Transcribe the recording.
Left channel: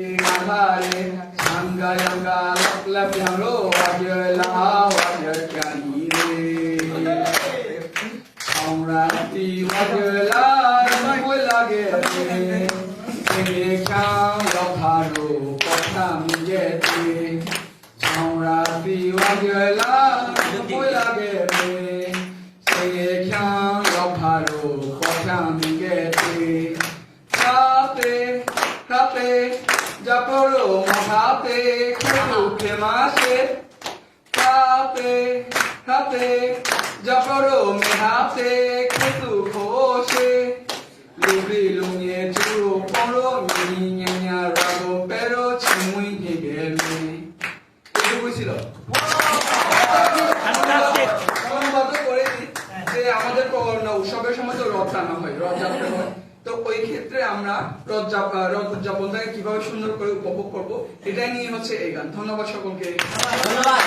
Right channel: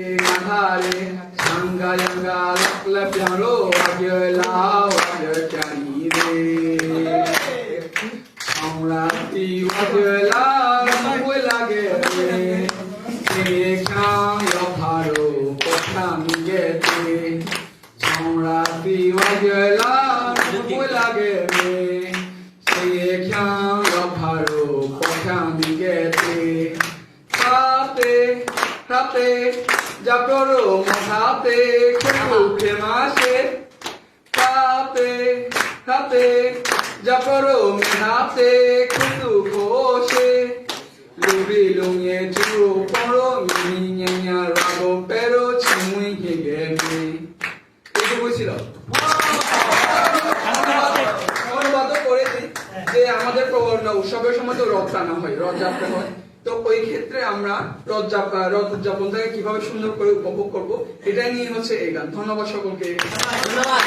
Sangga yangga lap yang ro wajah lah wajah cani re. Amrati wajah lah mui lage re. Ekang yopharu potang yete. Amrati wajah lah mui lage re. Ekang yopharu potang yete. Kate Japoro Mahate Ketu Kemase Kate Japoro Mahate Ketu Kose Lubi Lumye Turo Poro Minya Rago Pero Chimui Higeme এটুকু বুঝছিল অনুবাদ করেছি যে আমাদের উৎসবের সময় তো রথ টানা হয় রথযাত্রা হয় তো ওই ক্ষেত্রে আমরা রথ উদযাপনটাকে কিভাবে সুন্দর করে উপভোগ করব এটাই নিয়ে হচ্ছে এই গান ধন্যবাদ সকলকে ধন্যবাদ।